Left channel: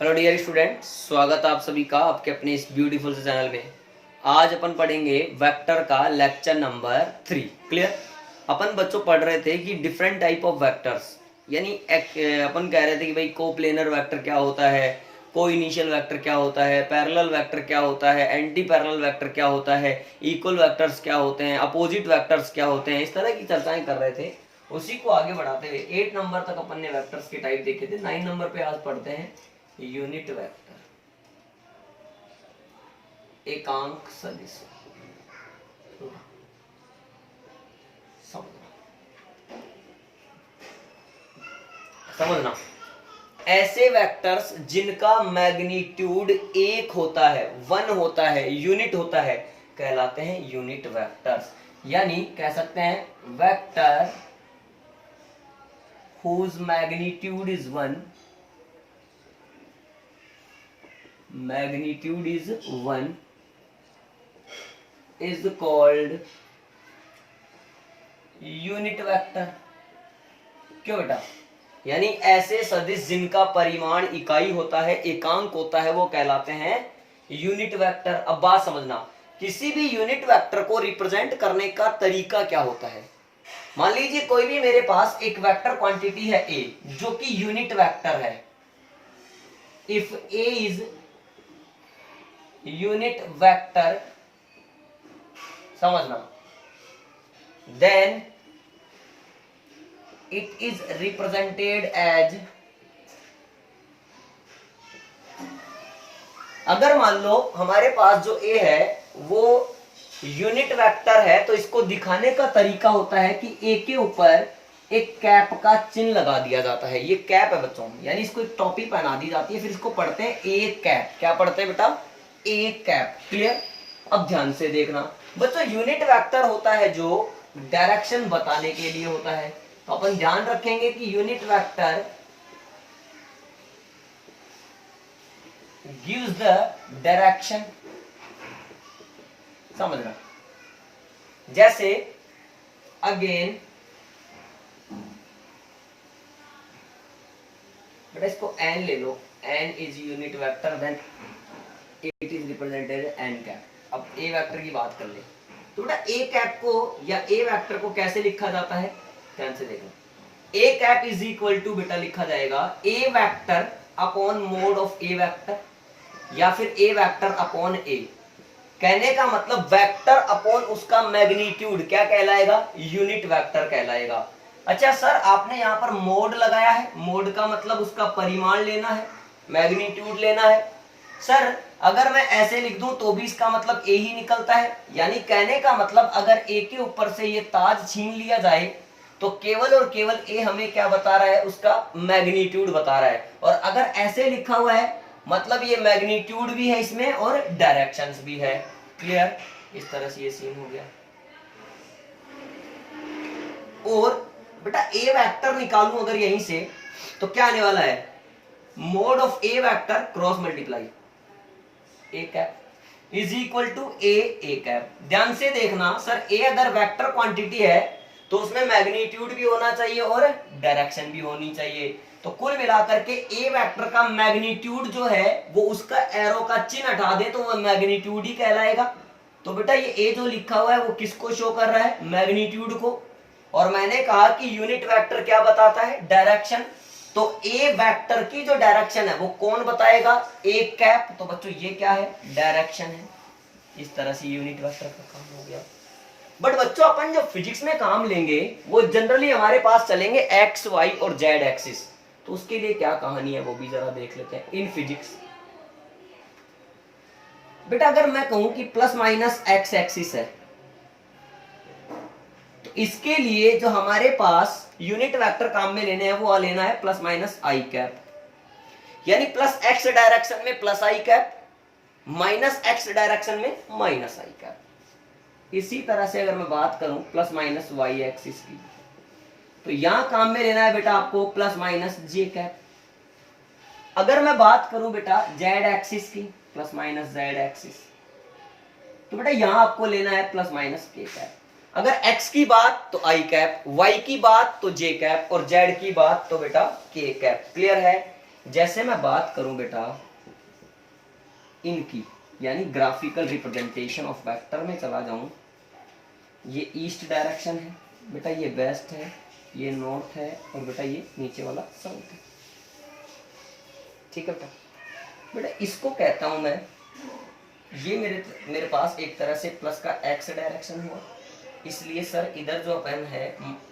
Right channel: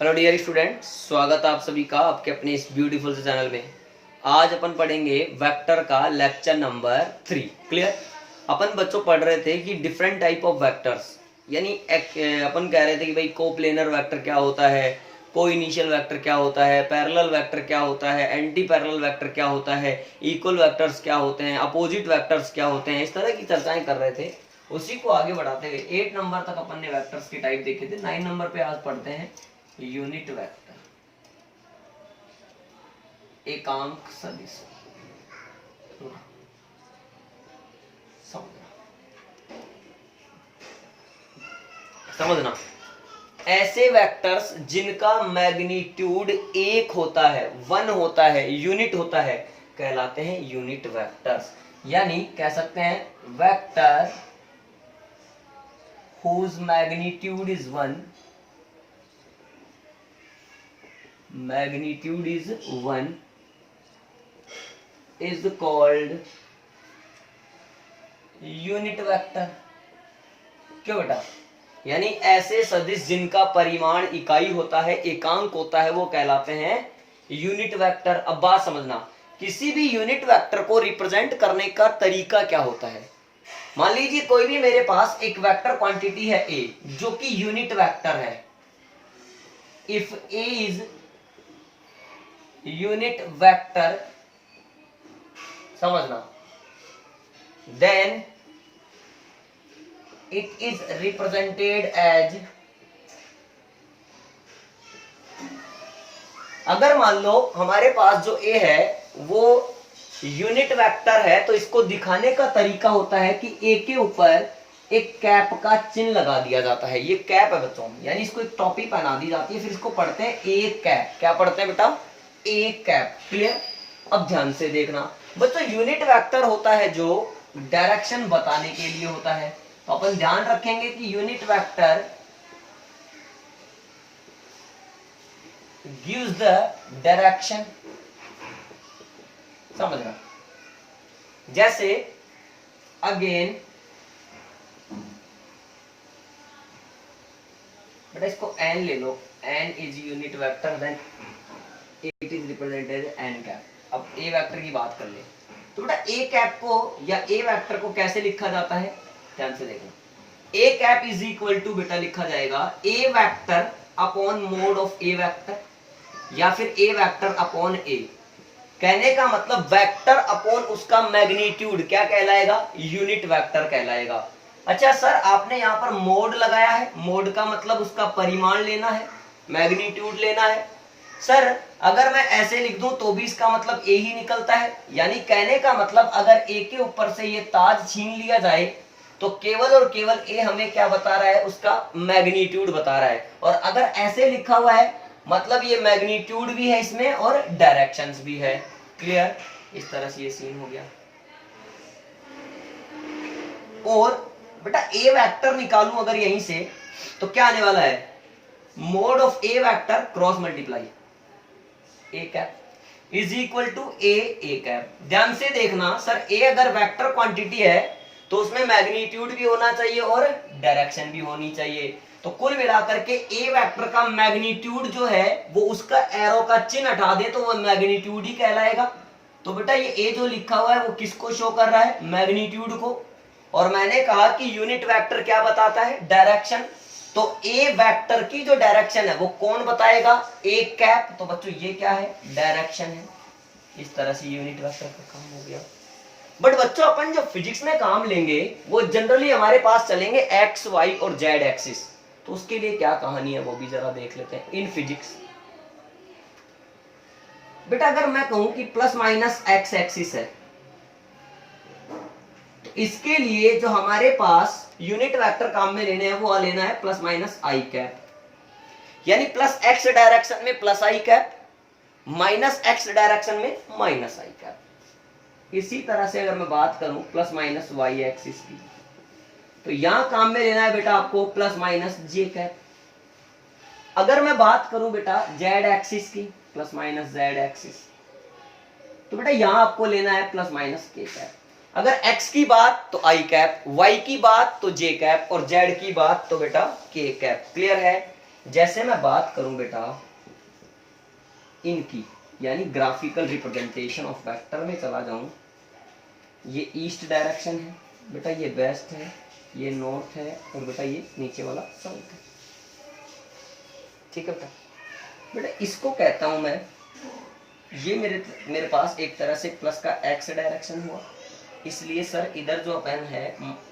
Hello dear student, स्वागत है आप सभी का आपके अपने इस ब्यूटीफुल से चैनल में। आज अपन पढ़ेंगे वेक्टर का लेक्चर नंबर 3। क्लियर। अपन बच्चों पढ़ रहे थे कि डिफरेंट टाइप ऑफ वेक्टर्स, यानी अपन कह रहे थे कि भाई कोप्लेनर वेक्टर क्या होता है, को इनिशियल वेक्टर क्या होता है, पैरेलल वेक्टर क्या होता है, एंटी पैरेलल वेक्टर क्या होता है, इक्वल वेक्टर्स क्या होते हैं, अपोजिट वेक्टर्स क्या होते हैं। इस तरह की चर्चाएं कर रहे थे। उसी को आगे बढ़ाते हुए 8 नंबर तक अपन ने वेक्टर्स की टाइप देखे थे। 9 नंबर पे आज पढ़ते हैं यूनिट वेक्टर, एकांक सदिश। समझना ऐसे वेक्टर्स जिनका मैग्नीट्यूड 1 होता है, 1 होता है, यूनिट होता है, कहलाते हैं यूनिट वेक्टर्स। यानी कह सकते हैं vector whose magnitude is 1, magnitude is 1 is called unit vector. क्यों बेटा? यानी ऐसे सदिश जिनका परिमाण इकाई होता है, एकांक होता है, वो कहलाते हैं यूनिट वेक्टर। अब बात समझना, किसी भी यूनिट वेक्टर को रिप्रेजेंट करने का तरीका क्या होता है। मान लीजिए कोई भी मेरे पास एक वेक्टर क्वांटिटी है ए, जो कि यूनिट वेक्टर है। If A is unit vector, समझना, then it is represented as, अगर मान लो हमारे पास जो ए है वो यूनिट वेक्टर है, तो इसको दिखाने का तरीका होता है कि ए के ऊपर एक कैप का चिन्ह लगा दिया जाता है। ये कैप है बच्चों, यानी इसको एक टोपी पहना दी जाती है, फिर इसको पढ़ते हैं ए कैप। क्या पढ़ते हैं बेटा? A cap. क्लियर। अब ध्यान से देखना बच्चों, यूनिट वेक्टर होता है जो डायरेक्शन बताने के लिए होता है। तो अपन ध्यान रखेंगे कि unit vector gives the direction. समझना, जैसे अगेन बेटा इसको एन ले लो, N is unit vector, then it is represented N cap. अब ए वेक्टर की बात कर ले तो बेटा ए कैप को या ए वेक्टर को कैसे लिखा जाता है, ध्यान से देखना। A cap is equal to बेटा लिखा जाएगा A vector upon mod of A vector, या फिर ए वेक्टर अपॉन ए। कहने का मतलब वेक्टर अपॉन उसका मैग्नीट्यूड क्या कहलाएगा? यूनिट वेक्टर कहलाएगा। अच्छा सर, आपने यहाँ पर मोड लगाया है, मोड का मतलब उसका परिमाण लेना है, मैग्नीट्यूड लेना है। सर अगर मैं ऐसे लिख दूं तो भी इसका मतलब ए ही निकलता है। यानी कहने का मतलब अगर ए के ऊपर से ये ताज छीन लिया जाए तो केवल और केवल ए हमें क्या बता रहा है? उसका मैग्नीट्यूड बता रहा है। और अगर ऐसे लिखा हुआ है मतलब ये मैग्नीट्यूड भी है इसमें और डायरेक्शंस भी है। क्लियर। इस तरह से ये सीन हो गया। और बेटा ए वेक्टर निकालूं अगर यहीं से तो क्या आने वाला है? Mod of A vector cross multiply A cap is equal to A cap. ध्यान से देखना सर, ए अगर वेक्टर क्वांटिटी है तो उसमें मैग्नीट्यूड भी होना चाहिए और डायरेक्शन भी होनी चाहिए। तो कुल मिलाकर के ए वेक्टर का मैग्नीट्यूड जो है वो उसका एरो का चिन्ह हटा दे तो वो मैग्नीट्यूड ही कहलाएगा। तो बेटा ये ए जो लिखा हुआ है वो किसको शो कर रहा है? मैग्नीट्यूड को। और मैंने कहा कि यूनिट वेक्टर क्या बताता है? डायरेक्शन। तो ए वेक्टर की जो डायरेक्शन है वो कौन बताएगा? A cap. तो बच्चों ये क्या है? डायरेक्शन है। इस तरह से यूनिट वेक्टर का काम हो गया। बट बच्चों अपन जो फिजिक्स में काम लेंगे वो जनरली हमारे पास चलेंगे एक्स वाई और जेड एक्सिस। तो उसके लिए क्या कहानी है वो भी जरा देख लेते हैं इन फिजिक्स। बेटा अगर मैं कहूं कि प्लस माइनस एक्स एक्सिस है तो इसके लिए जो हमारे पास यूनिट वेक्टर काम में लेने हैं वो लेना है प्लस माइनस आई कैप। यानी प्लस एक्स डायरेक्शन में plus I cap, minus x direction में माइनस आई कैप। इसी तरह से अगर मैं बात करूं प्लस माइनस वाई एक्सिस की तो यहां काम में लेना है बेटा आपको प्लस माइनस जे कैप। अगर मैं बात करूं बेटा जेड एक्सिस की, प्लस माइनस जेड एक्सिस, तो बेटा यहां आपको लेना है प्लस माइनस के कैप। अगर x की बात तो i कैप, y की बात तो j कैप और z की बात तो बेटा k कैप। क्लियर है? जैसे मैं बात करूं बेटा इनकी, यानी ग्राफिकल रिप्रेजेंटेशन ऑफ वेक्टर में चला जाऊं, ये ईस्ट डायरेक्शन है बेटा, ये वेस्ट है, ये नॉर्थ है, और बेटा ये नीचे वाला साउथ है। ठीक है बेटा, बेटा इसको कहता हूं मैं, ये मेरे पास एक तरह से प्लस का एक्स डायरेक्शन हुआ, इसलिए सर इधर जो अपन है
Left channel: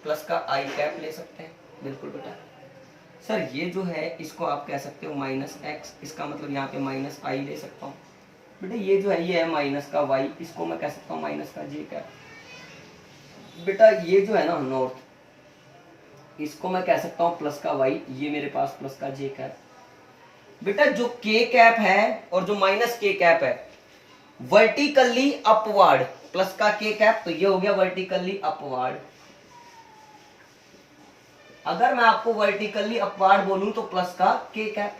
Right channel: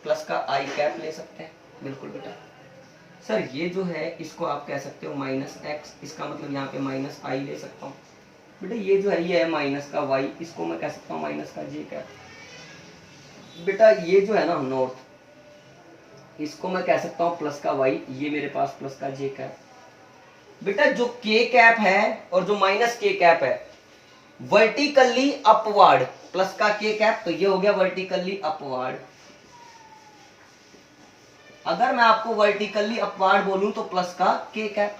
प्लस का आई कैप ले सकते हैं। बिल्कुल बेटा। सर ये जो है इसको आप कह सकते हो माइनस एक्स, इसका मतलब यहाँ पे माइनस आई ले सकता हूँ। बेटा ये जो है ये है माइनस का वाई, इसको मैं कह सकता हूँ माइनस का जे कैप। बेटा ये जो है ना नॉर्थ, इसको मैं कह सकता हूँ प्लस का वाई, ये मेरे पास प्लस का जे कैप। बेटा जो के कैप है और जो माइनस के कैप है वर्टिकली अपवर्ड, प्लस का के कैप तो ये हो गया वर्टिकली अपवर्ड। अगर मैं आपको वर्टिकली अपवर्ड बोलूं तो प्लस का के कैप।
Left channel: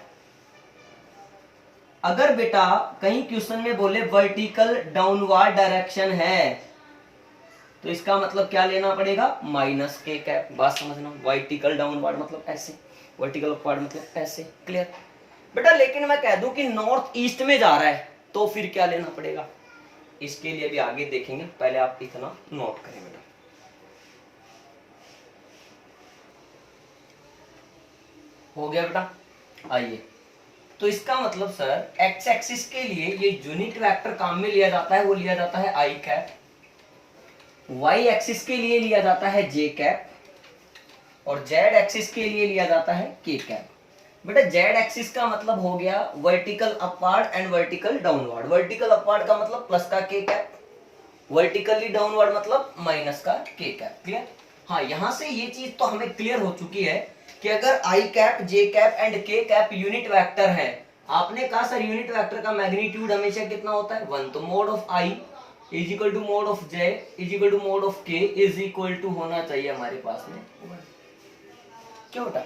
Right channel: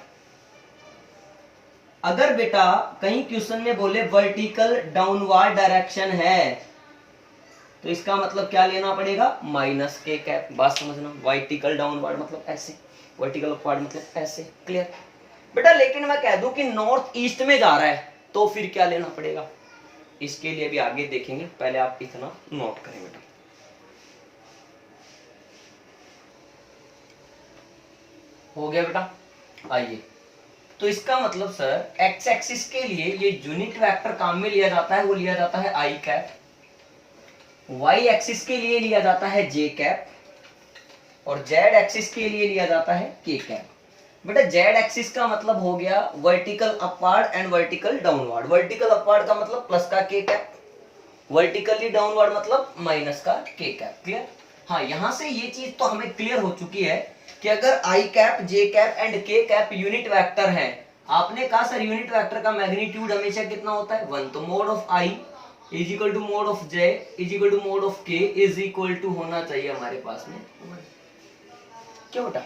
अगर बेटा कहीं क्वेश्चन में बोले वर्टिकल डाउनवर्ड डायरेक्शन है तो इसका मतलब क्या लेना पड़ेगा, माइनस के कैप। बात समझना, वर्टिकल डाउनवर्ड मतलब ऐसे, वर्टिकल अपवर्ड मतलब ऐसे। क्लियर बेटा। लेकिन मैं कह दूं कि नॉर्थ ईस्ट में जा रहा है तो फिर क्या लेना पड़ेगा, इसके लिए भी आगे देखेंगे, पहले आप इतना नोट करें बेटा। हो गया बेटा। आइए, तो इसका मतलब सर एक्स एक्सिस के लिए ये यूनिट वेक्टर काम में लिया जाता है, वो लिया जाता है आई कैप। वाई एक्सिस के लिए लिया जाता है जे कैप, और जेड एक्सिस के लिए लिया जाता है के कैप। बेटा जेड एक्सिस का मतलब हो गया vertical upward and vertical downward. Vertical upward का मतलब प्लस का के कैप, वर्टिकली डाउनवर्ड मतलब माइनस का के कैप। क्लियर। हाँ, यहां से ये चीज तो हमें क्लियर हो चुकी है कि अगर i cap, j cap and k cap unit vector है, आपने कहा सर यूनिट वेक्टर का मैग्नीट्यूड हमेशा कितना होता है, 1। तो mod of i is equal to mod of j is equal to mod of k is equal to होना चाहिए हमारे पास में। क्यों बेटा,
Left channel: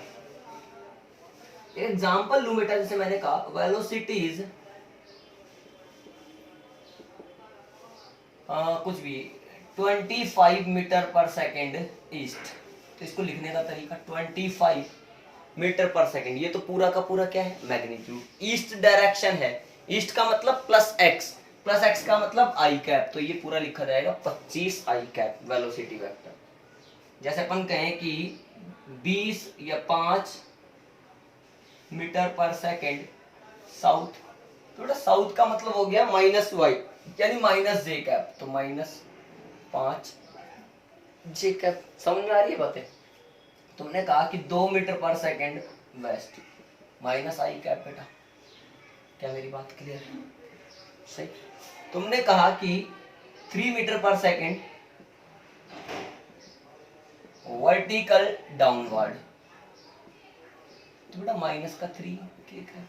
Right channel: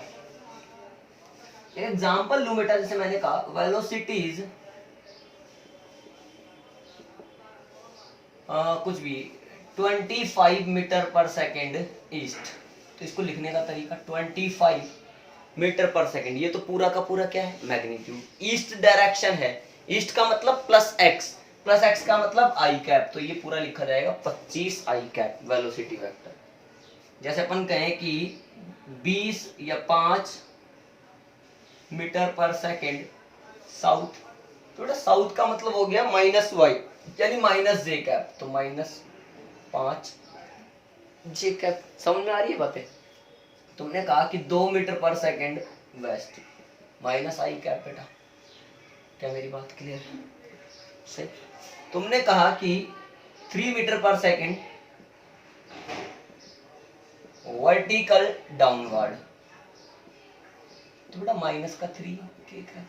एग्जाम्पल लू बेटा, जैसे मैंने कहा वेलोसिटीज कुछ भी 25 मीटर पर सेकेंड ईस्ट, तो इसको लिखने का तरीका 25 मीटर पर सेकेंड, ये तो पूरा का पूरा क्या है, मैग्नीट्यूड। ईस्ट डायरेक्शन है, ईस्ट का मतलब प्लस एक्स, प्लस एक्स का मतलब आई कैप, तो ये पूरा लिखा जाएगा 25 आई कैप वेलोसिटी वेक्टर। जैसे अपन कहें कि 20 या 5 मीटर पर सेकेंड साउथ, तो साउथ का मतलब हो गया माइनस वाई, यानी माइनस जे कैप, तो -5 जे कैप। समझ में आ रही है बातें। तुमने कहा कि 2 metre per second waste, minus आई कैप। बेटा क्या मेरी बात क्लियर है? सही। तुमने कहा कि 3 metre per second vertical downward, तो बेटा माइनस का 3 ठीक है।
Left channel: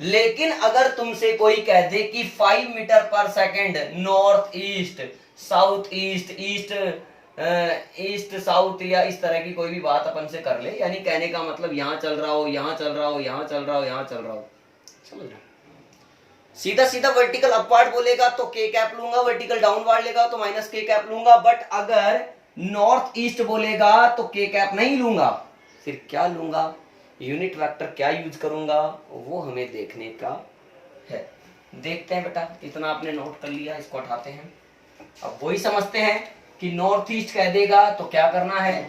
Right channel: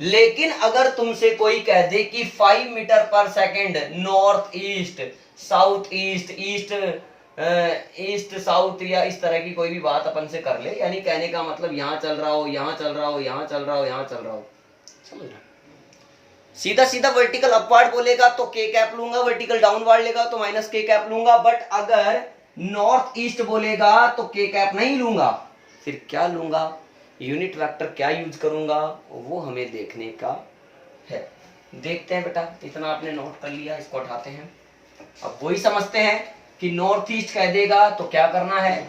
लेकिन अगर तुमसे कोई कह दे कि 5 metre per second north east, south east, east south, या इस तरह की कोई भी बात अपन से कर ले, यानी कहने का मतलब यहां चल रहा हो, यहां चल रहा हो, यहां चल रहा हो, यहां चल रहा हो, समझ रहा। सीधा सीधा वर्टिकल अपवर्ड बोलेगा तो के कैप लूंगा, वर्टिकल डाउनवर्ड लेगा तो माइनस के कैप लूंगा। बट अगर नॉर्थ ईस्ट बोलेगा तो के कैप नहीं लूंगा, फिर क्या लूंगा, यूनिट वेक्टर क्या यूज करूंगा, वो हमें देखने का है। देखते हैं बेटा, इतना आपने नोट कर लिया, इसको उठाते हैं। अब वही समझते हैं कि नॉर्थ ईस्ट कह देगा तो क्या करना है,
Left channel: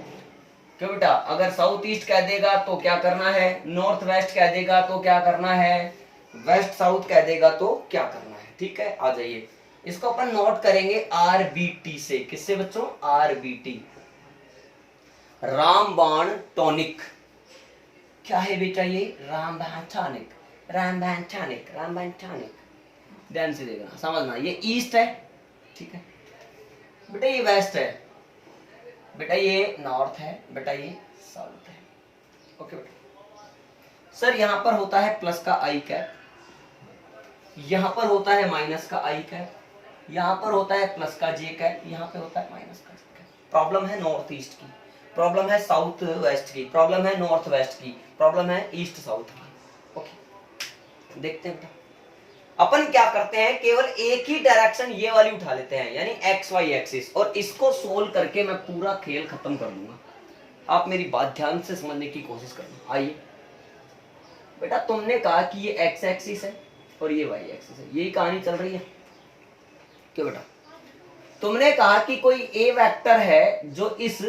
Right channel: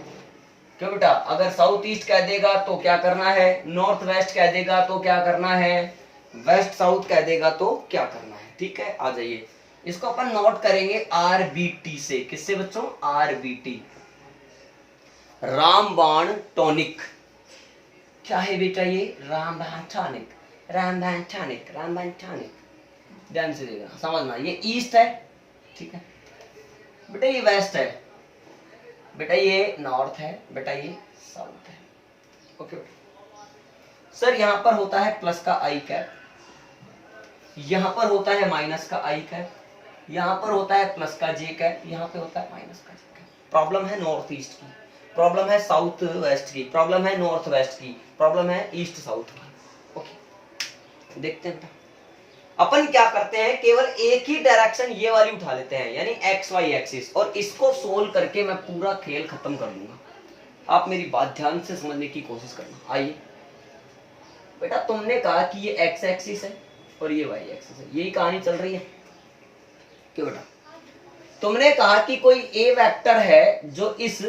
क्यों बेटा, अगर साउथ ईस्ट कह देगा तो क्या करना है, नॉर्थ वेस्ट कह देगा तो क्या करना है, वेस्ट साउथ कह देगा तो क्या करना है। ठीक है, आ जाइए, इसको अपन नोट करेंगे आरबीटी से। किससे बच्चों, आरबीटी, रामबाण टॉनिक। क्या है बेटा ये, रामबाण टॉनिक, रामबाण टॉनिक, रामबाण टॉनिक। ध्यान से देखना, समझना, ये ईस्ट है, ठीक है बेटा, ये वेस्ट है बेटा, ये नॉर्थ है बेटा, ये साउथ है। ओके बेटा। सर यहां पर होता है प्लस का आई कैप, यहां पर होता है माइनस का आई कैप, यहां पर होता है प्लस का जे कैप, यहां पे होता है माइनस का जे कैप। प्रॉब्लम है नॉर्थ ईस्ट की, प्रॉब्लम है साउथ वेस्ट की, प्रॉब्लम है नॉर्थ वेस्ट की, प्रॉब्लम है ईस्ट साउथ की। ओके, देखते हैं अपन क्या करते हैं, केवल एक ही डायरेक्शन ये वाली उठा लेते हैं, यानी एक्स वाई एक्सिस, और इसको सोल्व करके मैं पूरा खेल खत्म कर दूंगा। आप मेरी बात ध्यान से समझने की कोशिश करना। आइए बेटा तुमने कहा कि ये एक्स एक्सिस है और ये वाई एक्सिस है, यही कहानी चल रही है क्यों बेटा? तुमने कहा कि कोई ए वेक्टर है जो इस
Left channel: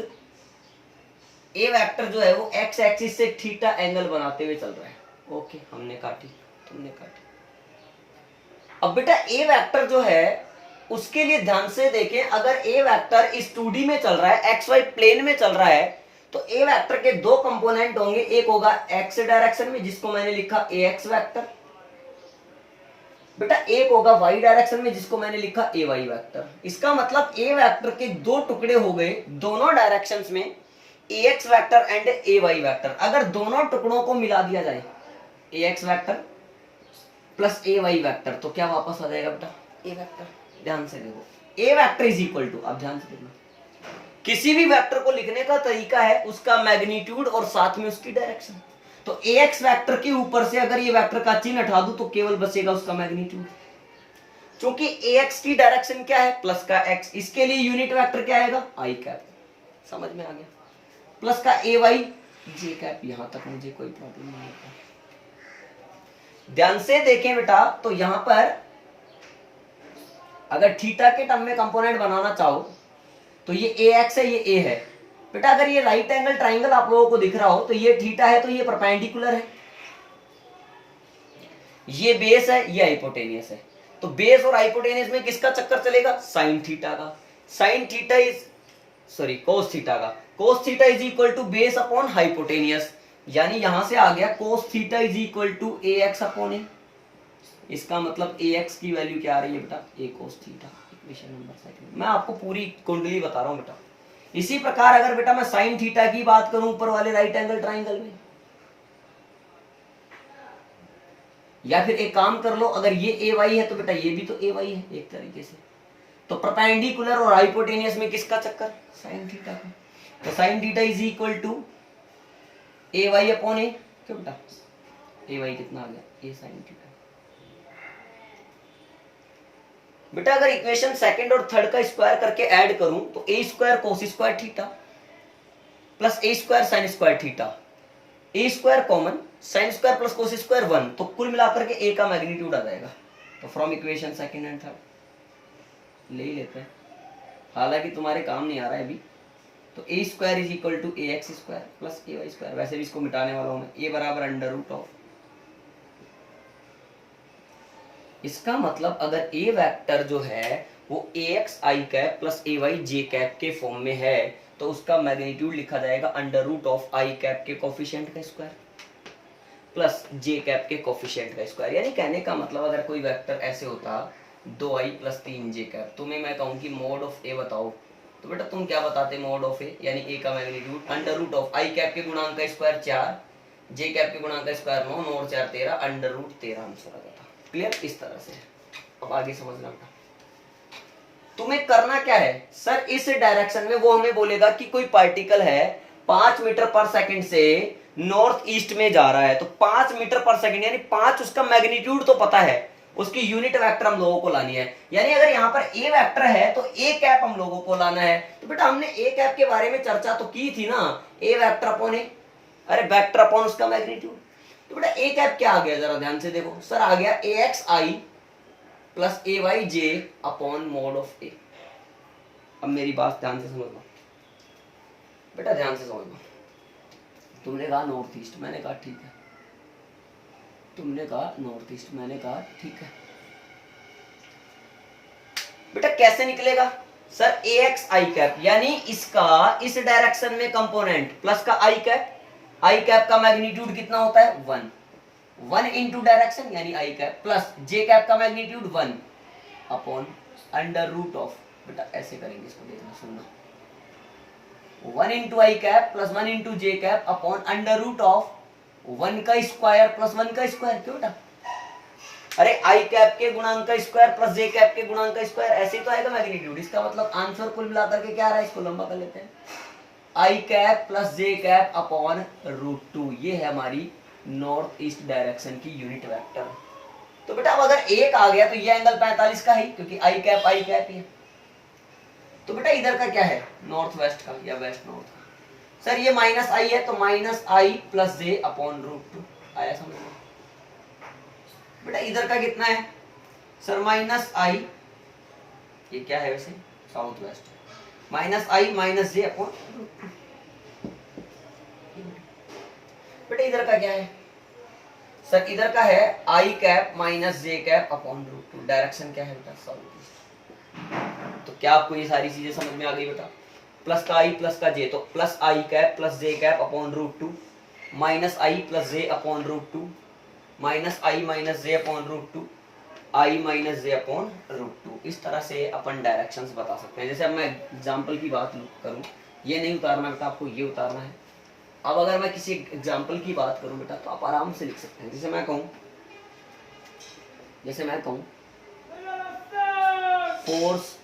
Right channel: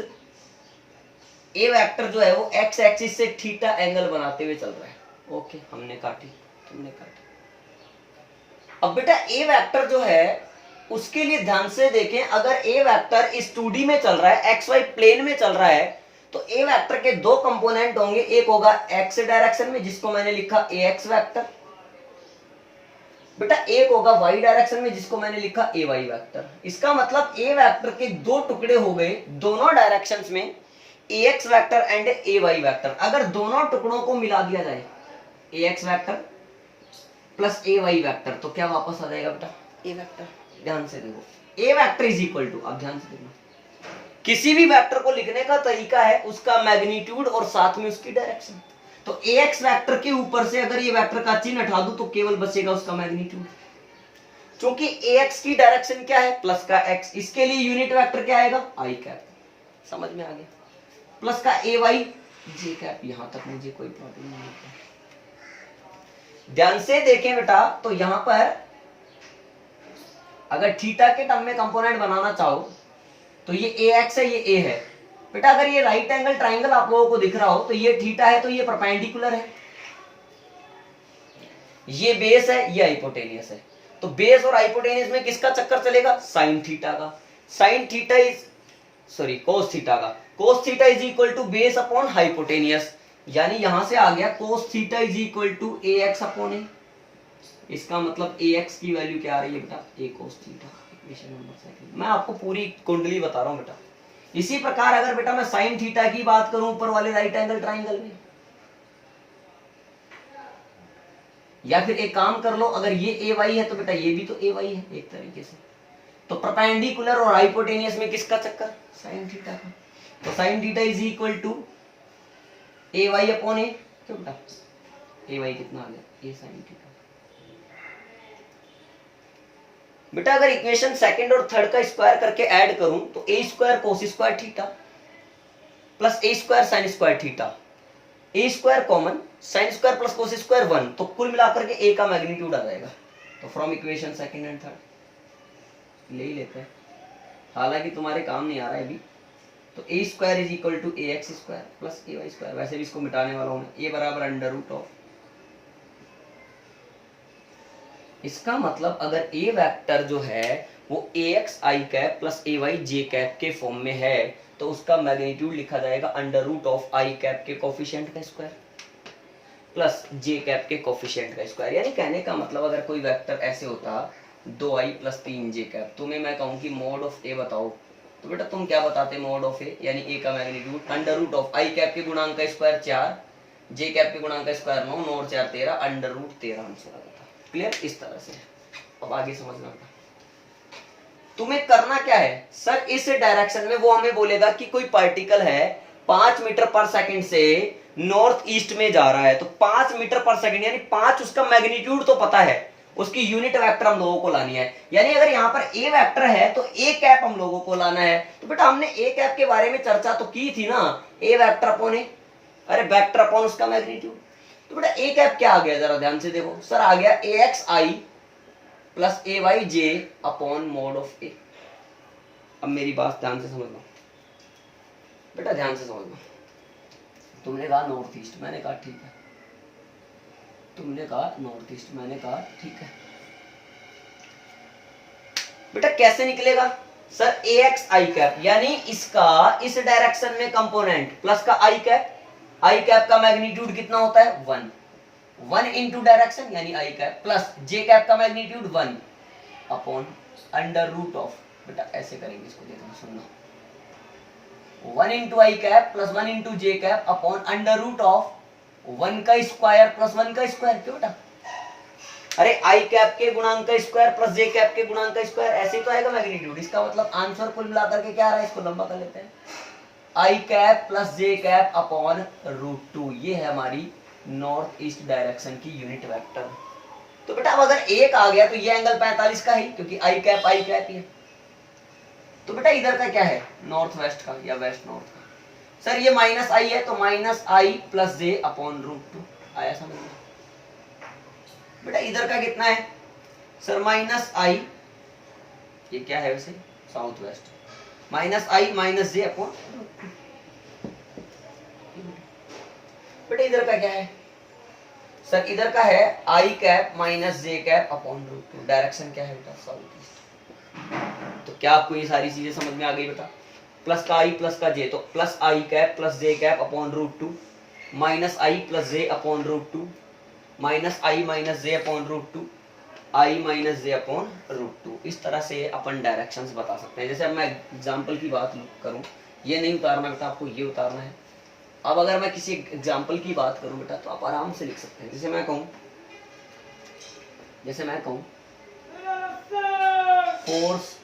ए वेक्टर जो है वो एक्स एक्सिस से थीटा एंगल बनाते हुए चल रहा है। ओके, हमने कहा ठीक, तुमने कहा ठीक। अब बेटा ए वेक्टर जो है उसके लिए ध्यान से देखें, अगर ए वेक्टर इस 2D में चल रहा है, एक्स वाई प्लेन में चल रहा है, तो ए वेक्टर के दो कंपोनेंट होंगे, एक होगा एक्स डायरेक्शन में जिसको मैंने लिखा ए एक्स वेक्टर, बेटा एक होगा वाई डायरेक्शन में जिसको मैंने लिखा ए वाई वेक्टर। इसका मतलब ए वेक्टर के दो टुकड़े हो गए दोनों डायरेक्शंस में, A X vector and A Y vector. अगर दोनों टुकड़ों को मिला दिया जाए A X vector plus A Y vector तो क्या वापस आ जाएगा बेटा? A vector. ध्यान से देखो, A vector is equal to, अब ध्यान से देखना, किसी भी वेक्टर को लिखने का तरीका है उसका मैग्नीट्यूड और साथ में उसकी डायरेक्शन। तो ए एक्स वेक्टर के ऊपर से अगर ये वेक्टर का चिन्ह हटा दूं तो केवल बचेगा उसका मैग्नीट्यूड, क्योंकि ए एक्स की डायरेक्शन क्या है? प्लस का एक्स, इसके लिए यूनिट वेक्टर क्या आएगा? आई कैप। समझ में आ गया? प्लस का ए वाई जे कैप। यहां तक मुझे कोई प्रॉब्लम नहीं होता। ध्यान से देखें बेटा, तो यहां पर अगर थीटा के टर्म में कंपोनेंट बनाना चाहो तो ये ए एक्स है, ये ए है बेटा। अगर ये राइट एंगल ट्राइंगल आप लोगों को दिख रहा हो तो ये थीटा है, तो ये परपेंडिकुलर है, ये बेस है, ये हाइपोटेनियस है। तो बेस और हाइपोटेनियस में किसका चक्कर चलेगा? साइन थीटा का। Sine theta is sorry cos theta का। Cos theta is equal to base upon hypotenuse, यानी यहां से आ गया cos theta is equal to A X upon A. इसका मतलब ए एक्स की वैल्यू क्या आ रही है बेटा? A cos theta. Equation number second. मैं आपको पूरी कुंडली बता रहा हूं बेटा। इसी प्रकार अगर बेटा मैं साइन थीटा की बात करूं ऊपर वाले राइट एंगल ट्राइंगल में, या फिर एक काम कर लो, अगर ये ए वाई है तो बेटा ये भी तो ए वाई है एक तरीके से। तो परपेंडिकुलर और हाइपोटेनियस में किसका चक्कर? साइन थीटा का। तो sine theta is equal to A Y upon A. क्यों बेटा? ए वाई कितना आ गया? A sine theta. बेटा अगर इक्वेशन सेकंड और थर्ड का स्क्वायर करके ऐड करूं तो A square cos square theta plus A square sine square theta, A square common, sine square plus cos square 1, तो कुल मिलाकर के ए का मैग्नीट्यूड आ जाएगा। तो from equation second and third ले ही लेते हैं, हालांकि तुम्हारे काम नहीं आ रहा है अभी। तो A square is equal to A X square plus A Y square, वैसे भी इसको मिटाने वाला हूं मैं, ए बराबर अंडर रूट ऑफ। इसका मतलब अगर ए वेक्टर जो है वो a x i cap plus A Y j cap के फॉर्म में है तो उसका मैग्नीट्यूड लिखा जाएगा under root of i cap के कोफिशिएंट का स्क्वायर प्लस जे कैप के कोफिशिएंट का स्क्वायर। यानी कहने का मतलब अगर कोई वेक्टर ऐसे होता 2i प्लस 3 जे कैप, तुम्हें मैं कहूं कि मॉड ऑफ ए बताओ, तो बेटा तुम क्या बताते? मॉड ऑफ ए यानी ए का magnitude under root of i cap के गुणांक का स्क्वायर 4, जे कैप के गुणांक का स्क्वायर 9, 9 और 4 13, अंडर रूट 13 आंसर आ जाता। क्लियर? इस तरह से। अब आगे समझना बेटा, तुम्हें करना क्या है सर, इस डायरेक्शन में वो हमें बोलेगा कि कोई पार्टिकल है 5 मीटर पर सेकंड से नॉर्थ ईस्ट में जा रहा है, तो 5 मीटर पर सेकंड यानी 5 उसका मैग्नीट्यूड तो पता है, उसकी यूनिट वेक्टर हम लोगों को लानी है। यानी अगर यहाँ पर ए वेक्टर है तो ए कैप हम लोगों को लाना है। तो बेटा हमने ए कैप के बारे में चर्चा तो की थी ना, ए वेक्टर अपॉन ए, अरे वेक्टर अपॉन उसका मैग्नीट्यूड। तो बेटा ए कैप क्या आ गया जरा ध्यान से देखो सर, आ गया A x I plus A Y J upon mod of A. अब मेरी बात ध्यान से समझना बेटा, ध्यान से समझना। तुमने कहा नॉर्थ ईस्ट, मैंने कहा ठीक है, तुमने कहा नॉर्थ ईस्ट, मैंने कहा ठीक है। बेटा कैसे निकलेगा sir? A x i cap यानी इसका इस डायरेक्शन में कंपोनेंट प्लस का आई कैप, आई कैप का मैग्नीट्यूड कितना होता है? 1, 1 इंटू डायरेक्शन यानी i cap plus J cap का magnitude 1 upon under root of, बेटा ऐसे करेंगे इसको, देखना सुनना, 1 into i cap plus 1 into j cap upon under root of 1 का स्क्वायर प्लस 1 का स्क्वायर। क्यों बेटा? अरे आई कैप के गुणांक का स्क्वायर प्लस जे कैप के गुणांक का स्क्वायर, ऐसे तो आएगा मैग्नीट्यूड। इसका मतलब आंसर कुल मिलाकर के क्या आ रहा है, इसको लंबा कर लेते हैं, आई कैप प्लस जे कैप अपॉन रूट 2। ये है हमारी नॉर्थ ईस्ट डायरेक्शन की यूनिट वेक्टर। तो बेटा अब अगर एक आ गया तो ये एंगल 45 का ही, क्योंकि आई कैप ही है। तो बेटा इधर का क्या है? नॉर्थ वेस्ट का या वेस्ट नॉर्थ का। सर ये माइनस आई है तो minus I plus J upon root 2। आया समझ में बेटा? इधर का कितना है सर? माइनस आई, ये क्या है वैसे? South west, minus I minus J upon. बेटा इधर का क्या है सर? इधर का है I cap minus J cap upon root two. Direction क्या है बेटा? South east. तो क्या आपको ये सारी चीजें समझ में आ गई बेटा? प्लस का आई प्लस का जे, तो plus I cap plus J cap upon root two, minus I plus J upon root two, minus I minus J upon root two, I minus J upon root two. इस तरह से अपन directions बता सकते हैं। जैसे अब मैं एग्जाम्पल की बात करूं, ये नहीं उतारना बेटा, आपको ये उतारना है। अब अगर मैं किसी एग्जाम्पल की बात करूं बेटा, तो आप आराम से लिख सकते हैं। जैसे मैं कहूं फोर्स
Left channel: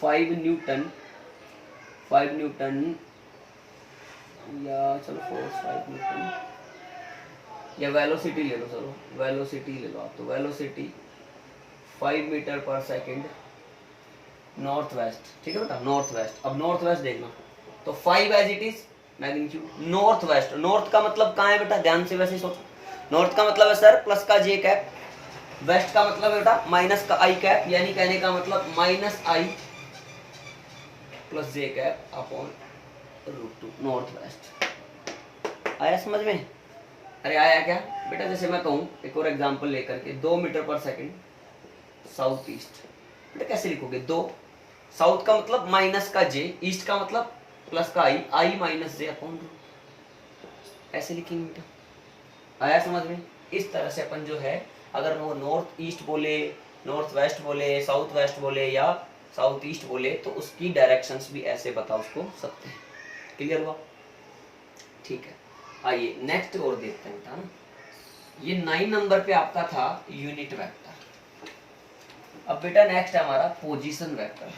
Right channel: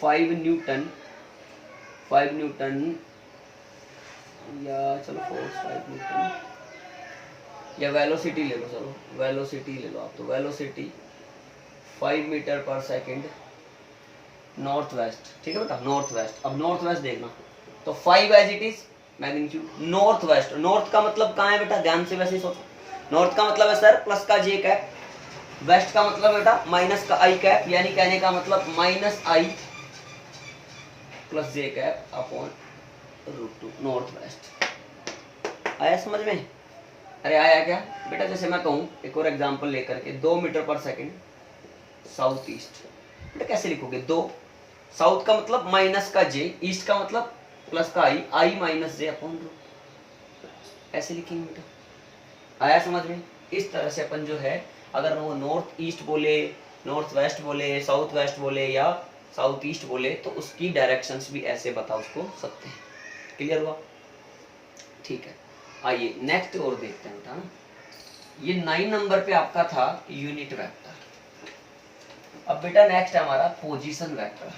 5 न्यूटन, या चलो फोर्स 5 न्यूटन, या वेलोसिटी ले लो, चलो वेलोसिटी ले लो आप। तो velocity 5 metre per second north west, ठीक है बेटा? North west. अब नॉर्थ वेस्ट देखना, तो 5 as it is magnitude north west. North का मतलब कहाँ है बेटा? ध्यान से वैसे सोचो। नॉर्थ का मतलब है सर प्लस का जे कैप, वेस्ट का मतलब है बेटा माइनस का आई कैप, यानी कहने का मतलब minus I plus J cap upon root two, north west. आया समझ में? अरे आया क्या बेटा? जैसे मैं कहूँ एक और एग्जांपल लेकर के, 2 मीटर पर सेकंड साउथ ईस्ट। बेटा कैसे लिखोगे? 2, साउथ का मतलब माइनस का जे, ईस्ट का मतलब प्लस का आई, आई माइनस जे अपॉन रूट, ऐसे लिखेंगे बेटा। आया समझ में? इस तरह से अपन जो है, अगर वो नॉर्थ ईस्ट बोले, नॉर्थ वेस्ट बोले, साउथ वेस्ट बोले या साउथ ईस्ट बोले, तो उसकी डायरेक्शंस भी ऐसे बता उसको सकते हैं। क्लियर हुआ? ठीक है, आइए नेक्स्ट और देखते हैं बेटा ना। ये 9 नंबर पे आपका था यूनिट वेक्टर। अब बेटा नेक्स्ट है हमारा पोजीशन वेक्टर।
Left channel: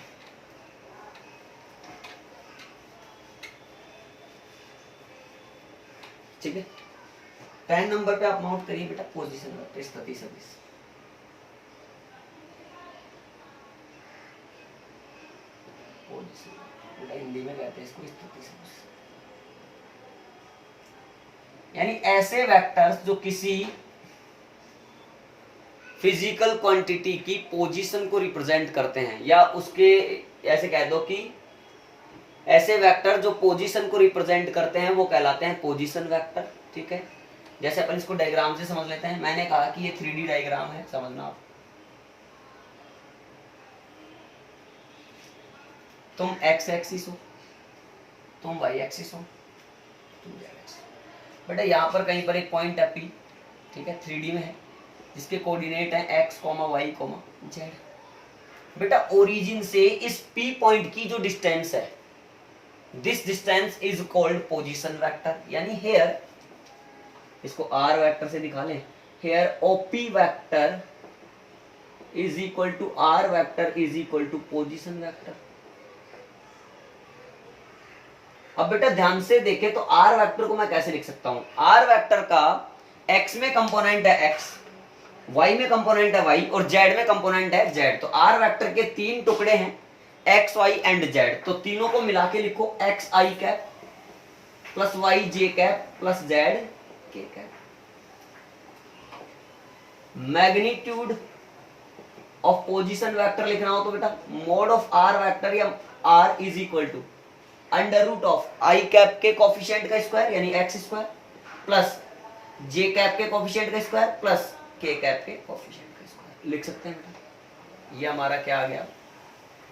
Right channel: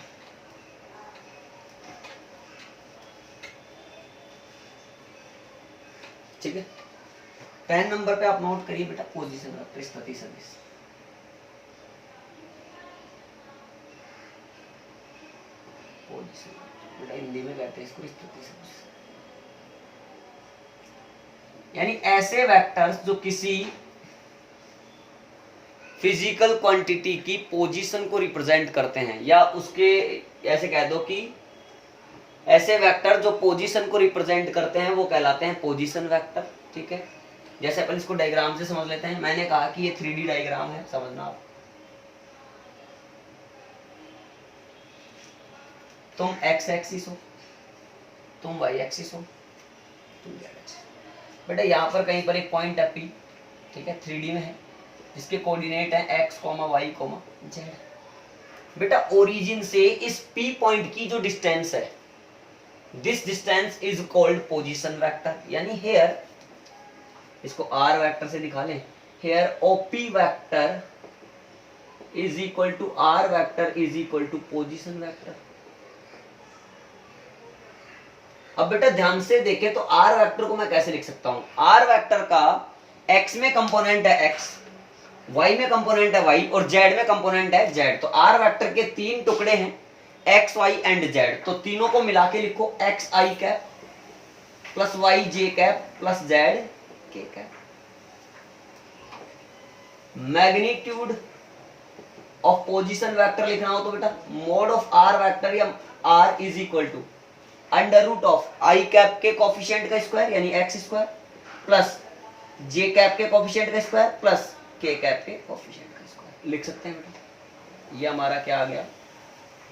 ठीक है, 10 नंबर पे आप नोट करिए बेटा पोजीशन वेक्टर, स्थिति सदिश। पोजीशन बेटा हिंदी में कहते हैं इसको स्थिति सदिश, यानी ऐसे वेक्टर्स जो किसी फिजिकल क्वांटिटी की पोजीशन को रिप्रेजेंट करते हैं, या उसके ऐसे कह दो कि ऐसे वेक्टर जो पोजीशन को रिप्रेजेंट करते हैं वो कहलाते हैं पोजीशन वेक्टर। ठीक है, जैसे अपन इसको डायग्राम से समझ लेते हैं। मैंने कहा कि ये 3D डायग्राम है, समझना आप। तुम एक्स एक्सिस हो, तुम वाई एक्सिस हो, तुम जेड एक्सिस। बेटा यहाँ पर कहीं पर एक पॉइंट है P, ठीक है, 3D में है, जिसके कोऑर्डिनेट है x, y, z। बेटा ओरिजिन से इस P पॉइंट की जो डिस्टेंस है, this distance is called position vector. यानी हेयर, इसको r वेक्टर से दिखा लें, here OP vector is equal to r vector is equal to position vector. अब बेटा ध्यान से देखें तो r वेक्टर को मैं कैसे लिख सकता हूं? r वेक्टर का x में कंपोनेंट है x, y में कंपोनेंट है y और z में कंपोनेंट है z। तो r वेक्टर के 3 टुकड़े हैं, x, y एंड z। तो तीनों को मिला के लिखो x i cap plus y j cap plus z k cap. Magnitude of position vector लिखना हो तो बेटा मोड ऑफ r वेक्टर या r is equal to under root of i cap के कोफिशिएंट का स्क्वायर यानी एक्स स्क्वायर प्लस जे cap के coefficient का स्क्वायर प्लस के कैप के कोफिशिएंट का स्क्वायर लिख सकते हैं बेटा। ये हमारा क्या आ गया?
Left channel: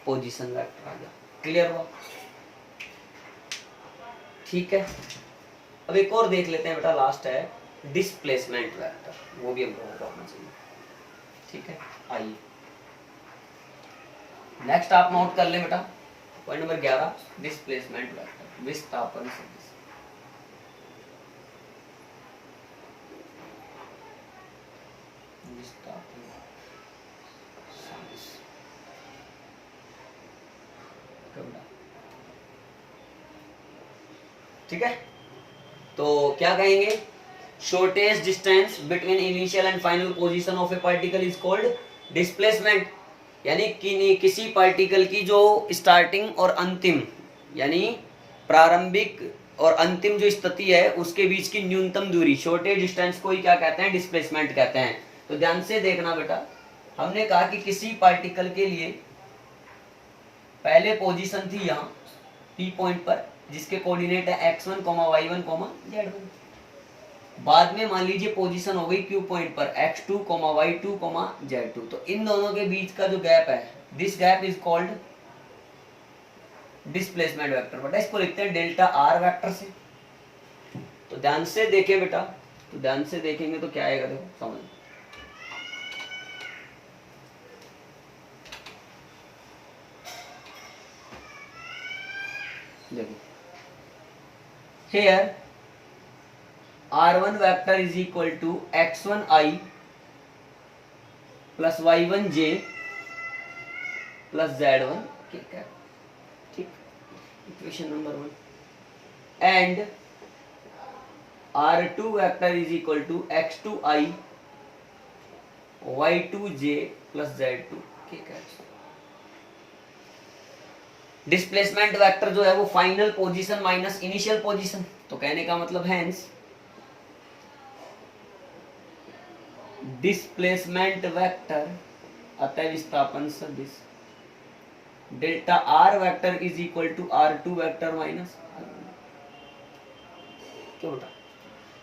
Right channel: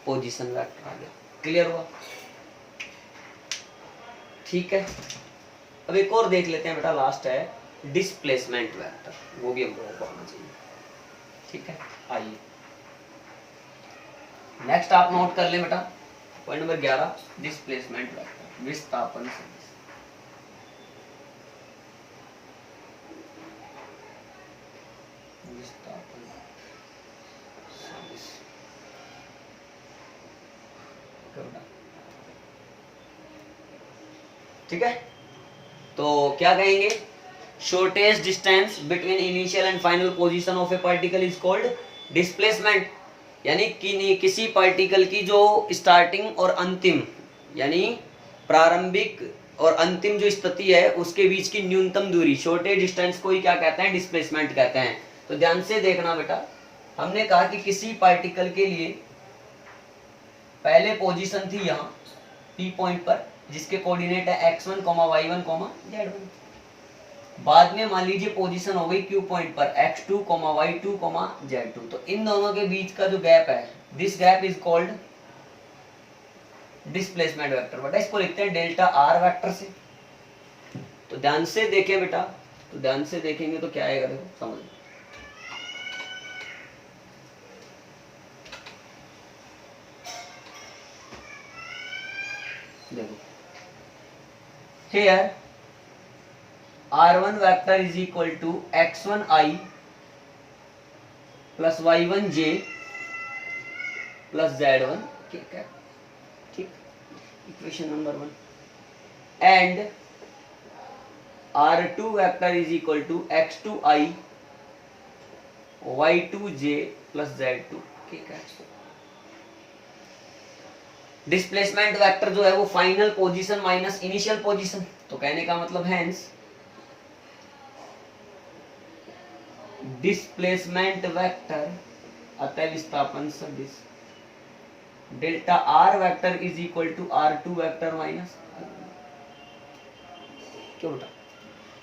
पोजीशन वेक्टर आ गया। क्लियर हुआ? ठीक है, अब एक और देख लेते हैं बेटा, लास्ट है डिस्प्लेसमेंट वेक्टर, वो भी हम लोगों को आना चाहिए। ठीक है, आइए नेक्स्ट आप नोट कर लें बेटा, पॉइंट नंबर 11 डिस्प्लेसमेंट वेक्टर, विस्थापन सदिश। विस्थापन सदिश ठीक है, तो क्या कहेंगे? Shortest distance between initial and final position of A particle is called displacement. यानी कि किसी पार्टिकल की जो स्टार्टिंग और अंतिम यानी प्रारंभिक और अंतिम जो स्थिति है उसके बीच की न्यूनतम दूरी, शॉर्टेज डिस्टेंस को ही क्या कहते हैं, डिस्प्लेसमेंट कहते हैं। तो ध्यान से देखना बेटा, हमने कहा कि किसी पार्टिकल के लिए पहले पोजीशन थी यहाँ P पॉइंट पर, जिसके कोऑर्डिनेट है x1, y1, z1। बाद में मान लीजिए पोजीशन हो गई Q पॉइंट पर x2, y2, z2। तो इन दोनों के बीच का जो गैप है, this gap is called displacement vector. बेटा इसको लिखते हैं डेल्टा आर वेक्टर से। तो ध्यान से देखें बेटा, तो ध्यान से देखेंगे तो क्या आएगा, देखो समझ। देखो here r1 vector is equal to x1i plus y1j plus z1 k, ठीक, equation number 1। And r2 vector is equal to x2i y2j plus z2 k। Displacement vector जो है वो final position minus initial position. तो कहने का मतलब hence displacement vector अतः विस्थापन सदिश delta are vector is equal to r2 vector minus, क्यों बेटा?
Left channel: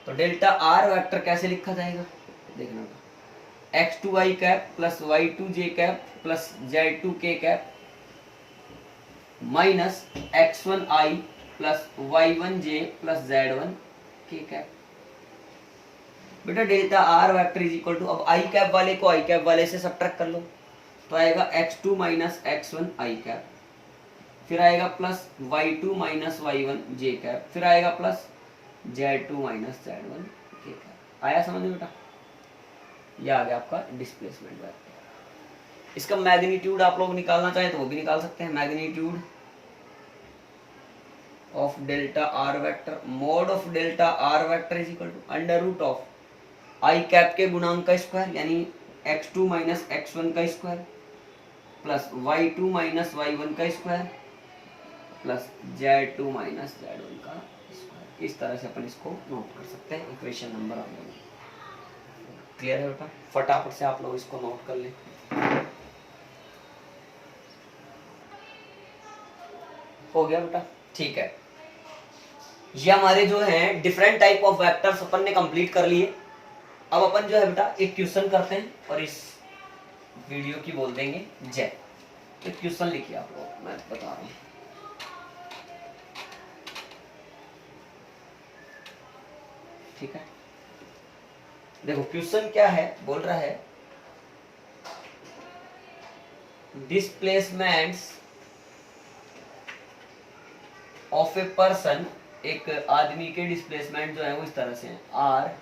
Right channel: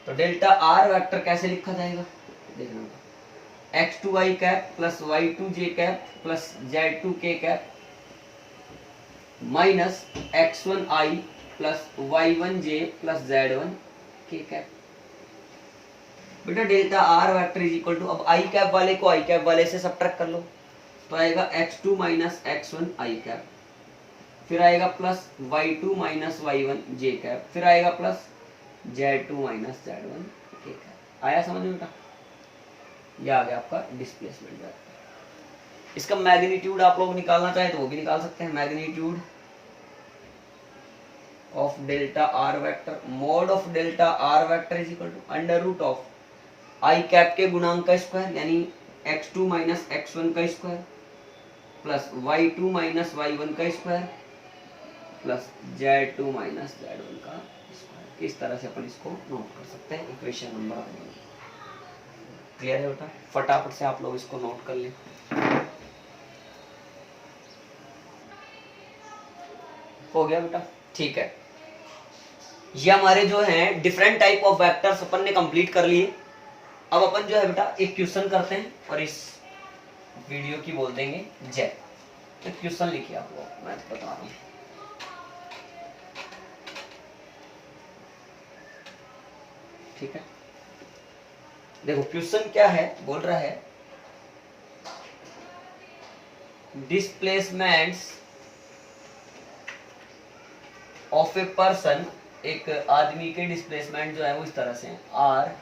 तो डेल्टा आर वेक्टर कैसे लिखा जाएगा, देखना, x2i cap plus y2j cap plus z2k cap minus x1i plus y1j plus z1k cap. बेटा delta are vector is equal to, अब I cap वाले को आई कैप वाले से सब्ट्रैक्ट कर लो, तो आएगा x2 माइनस x1 आई कैप, फिर आएगा plus y2 minus y1 j cap, फिर आएगा plus z2 minus z1 k cap. आया समझ में बेटा? यह आ गया आपका डिस्प्लेसमेंट वेक्टर। इसका मैग्नीट्यूड आप लोग निकालना चाहे तो वो भी निकाल सकते हैं। Magnitude of delta are vector, mod of delta are vector is equal to under root of i cap के गुणांक का स्क्वायर यानी x2 माइनस x1 का square plus y2 minus y1 का square plus z2 minus z1 का square. इस तरह से अपन इसको नोट कर सकते हैं इक्वेशन नंबर 1। क्लियर है बेटा? फटाफट से आप लोग इसको नोट कर लें। हो गया बेटा? ठीक है, ये हमारे जो हैं डिफरेंट टाइप ऑफ वेक्टर्स अपन ने कंप्लीट कर लिए। अब अपन जो है बेटा एक क्वेश्चन करते हैं और इस वीडियो की बोल देंगे जय। तो क्वेश्चन लिखिए आप लोग, मैं बता रहा हूं। ठीक है, देखो क्वेश्चन क्या है, बोल रहा है डिस्प्लेसमेंट्स ऑफ ए पर्सन, एक आदमी के डिस्प्लेसमेंट जो है वो इस तरह से हैं, आर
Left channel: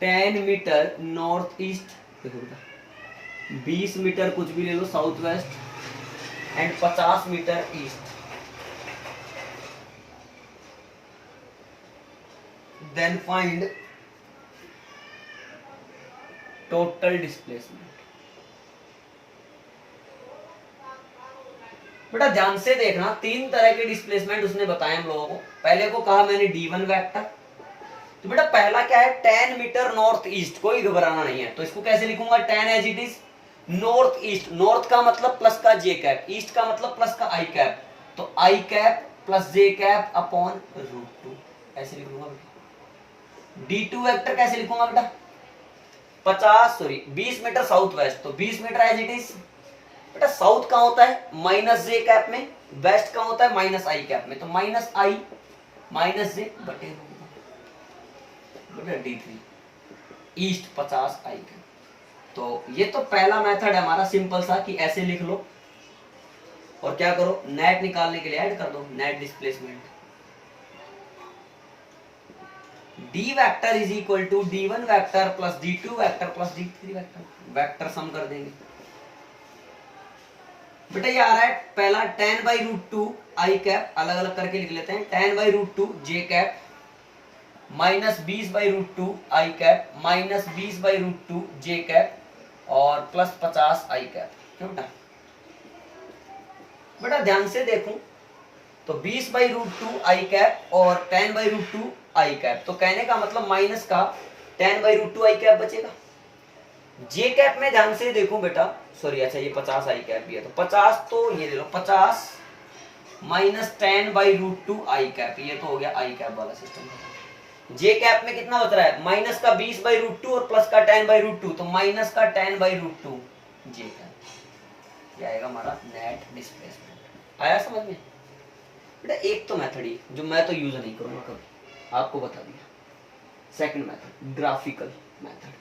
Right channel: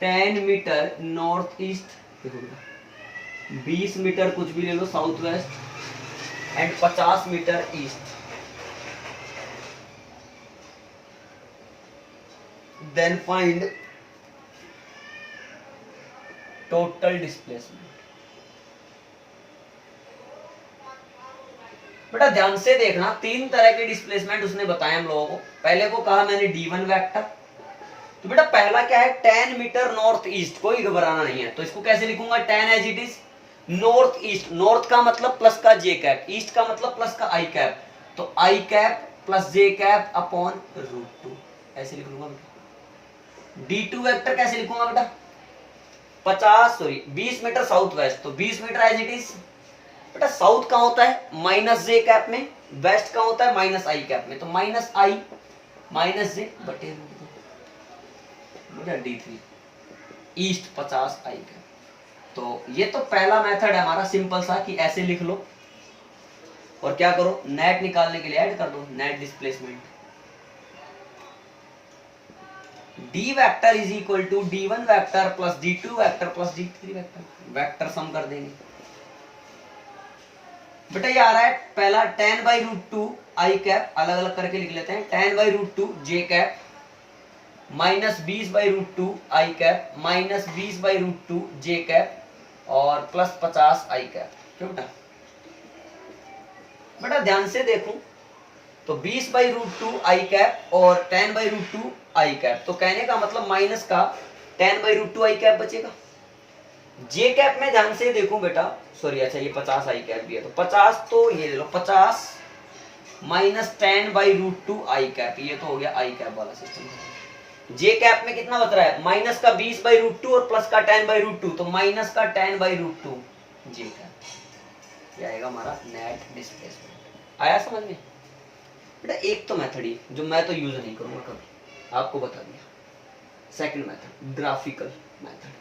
10 मीटर नॉर्थ ईस्ट, देखो 20 मीटर कुछ भी ले लो south west and 50 metre east, then find total displacement. बेटा ध्यान से देखना, तीन तरह के डिस्प्लेसमेंट उसने बताए हम लोगों को। पहले को कहा मैंने d1 वेक्टर, तो बेटा पहला क्या है 10 मीटर नॉर्थ ईस्ट, कोई घबराना नहीं है। तो इसको कैसे लिखूंगा 10 as it is north east, north का मतलब प्लस का j कैप, ईस्ट का मतलब प्लस का i कैप, तो i cap plus j cap upon √2 ऐसे लिख लूंगा बेटा। d2 वेक्टर कैसे लिखूंगा बेटा 20 मीटर साउथ वेस्ट, तो 20 मीटर एज इट इज। बेटा साउथ का होता है माइनस j कैप में, वेस्ट का होता है माइनस i कैप में, तो माइनस i माइनस j बटे d3, ईस्ट 50 i कैप। तो ये तो पहला मेथड है हमारा सिंपल सा कि ऐसे लिख लो और क्या करो नेट निकालने के लिए ऐड कर दो net displacement. d vector is equal to d1 vector plus d2 vector plus d3 vector, vector sum कर देंगे। बेटा ये आ रहा है पहला 10/√2 i कैप, अलग अलग करके लिख लेते हैं, 10/√2 j cap minus 20/√2 i cap minus 20/√2 j cap और प्लस 50 i कैप। क्यों बेटा? बेटा ध्यान से देखूं, तो 20/√2 आई कैप और 10/√2 आई कैप। तो कहने का मतलब माइनस का 10/√2 आई कैप बचेगा। जे कैप में ध्यान से देखो बेटा, सॉरी अच्छा ये 50 आई कैप भी है, तो 50 तो ये ले लो 50 माइनस 10/√2 आई कैप, ये तो हो गया आई कैप वाला सिस्टम। जे कैप में कितना बच रहा है, माइनस का 20/√2 और प्लस का 10/√2, तो माइनस का 10/√2 जे कैप, ये आएगा हमारा नेट डिस्प्लेसमेंट। आया समझ में बेटा? एक तो मेथड ही जो मैं तो यूज नहीं करूंगा कभी, आपको बता दिया। Second method graphical method,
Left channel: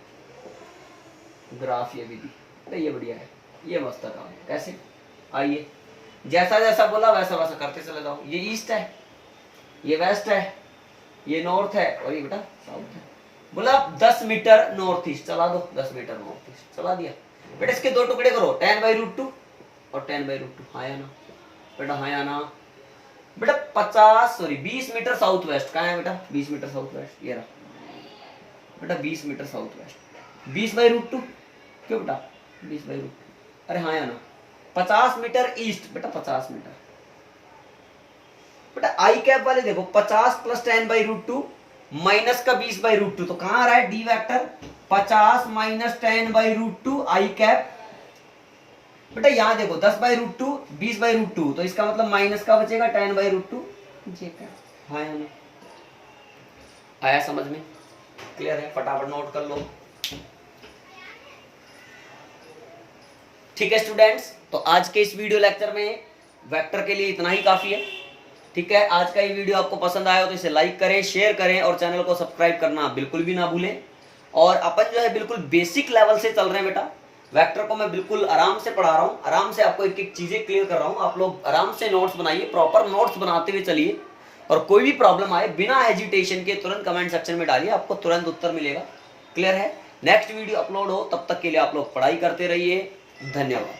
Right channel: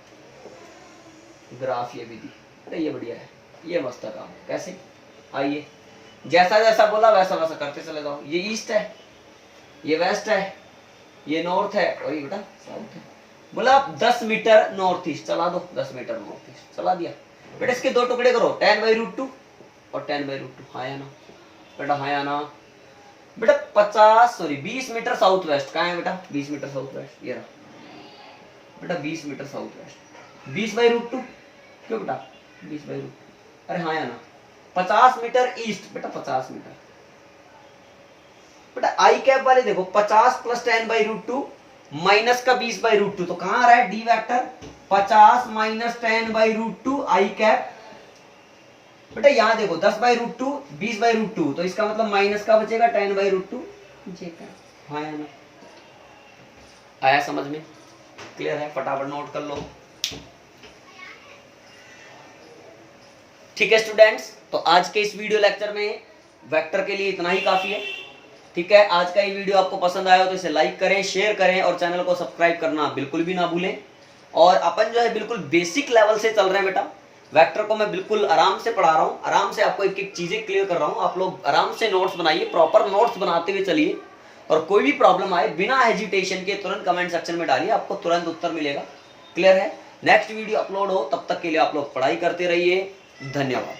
graph ये विधि, ये बढ़िया है, ये मस्त काम है। कैसे? आइए, जैसा जैसा बोला वैसा वैसा करते चले जाओ। ये ईस्ट है, ये वेस्ट है, ये नॉर्थ है और ये बेटा साउथ है। बोला 10 मीटर नॉर्थ ईस्ट चला दो, 10 मीटर नॉर्थ ईस्ट चला दिया बेटा। इसके दो टुकड़े करो, 10/√2 और 10/√2। हाँ या ना बेटा? हाँ या ना बेटा? 20 मीटर साउथ वेस्ट कहाँ है बेटा? 20 मीटर साउथ वेस्ट ये रहा बेटा, 20 मीटर साउथ वेस्ट। 20/√2 क्यों बेटा? 20/√2। अरे हाँ या ना? 50 मीटर ईस्ट बेटा, 50 मीटर बेटा। आई कैप वाले देखो 50 प्लस 10/√2 माइनस का 20/√2, तो कहां आ रहा है डी वेक्टर? 50 माइनस 10/√2 आई कैप बेटा। यहां देखो 10/√2 20/√2, तो इसका मतलब माइनस का बचेगा 10/√2 जे कैप। हाँ या ना? आया समझ में? क्लियर है? फटाफट नोट कर लो। ठीक है स्टूडेंट्स, तो आज के इस वीडियो लेक्चर में वेक्टर के लिए इतना ही काफी है। ठीक है, आज का ये वीडियो आपको पसंद आया हो तो इसे लाइक करें, शेयर करें और चैनल को सब्सक्राइब करना बिल्कुल भी ना भूलें। और अपन जो है बिल्कुल बेसिक लेवल से चल रहे हैं बेटा। वेक्टर को मैं बिल्कुल आराम से पढ़ा रहा हूँ, आराम से आपको एक एक चीजें क्लियर कर रहा हूँ। आप लोग आराम से नोट्स बनाइए, प्रॉपर नोट्स बनाते हुए चलिए, और कोई भी प्रॉब्लम आए बिना हेजिटेशन के तुरंत कमेंट सेक्शन में डालिए, आपको तुरंत उत्तर मिलेगा। क्लियर है? नेक्स्ट वीडियो अपलोड हो तब तक के लिए आप लोग पढ़ाई करते रहिए। धन्यवाद।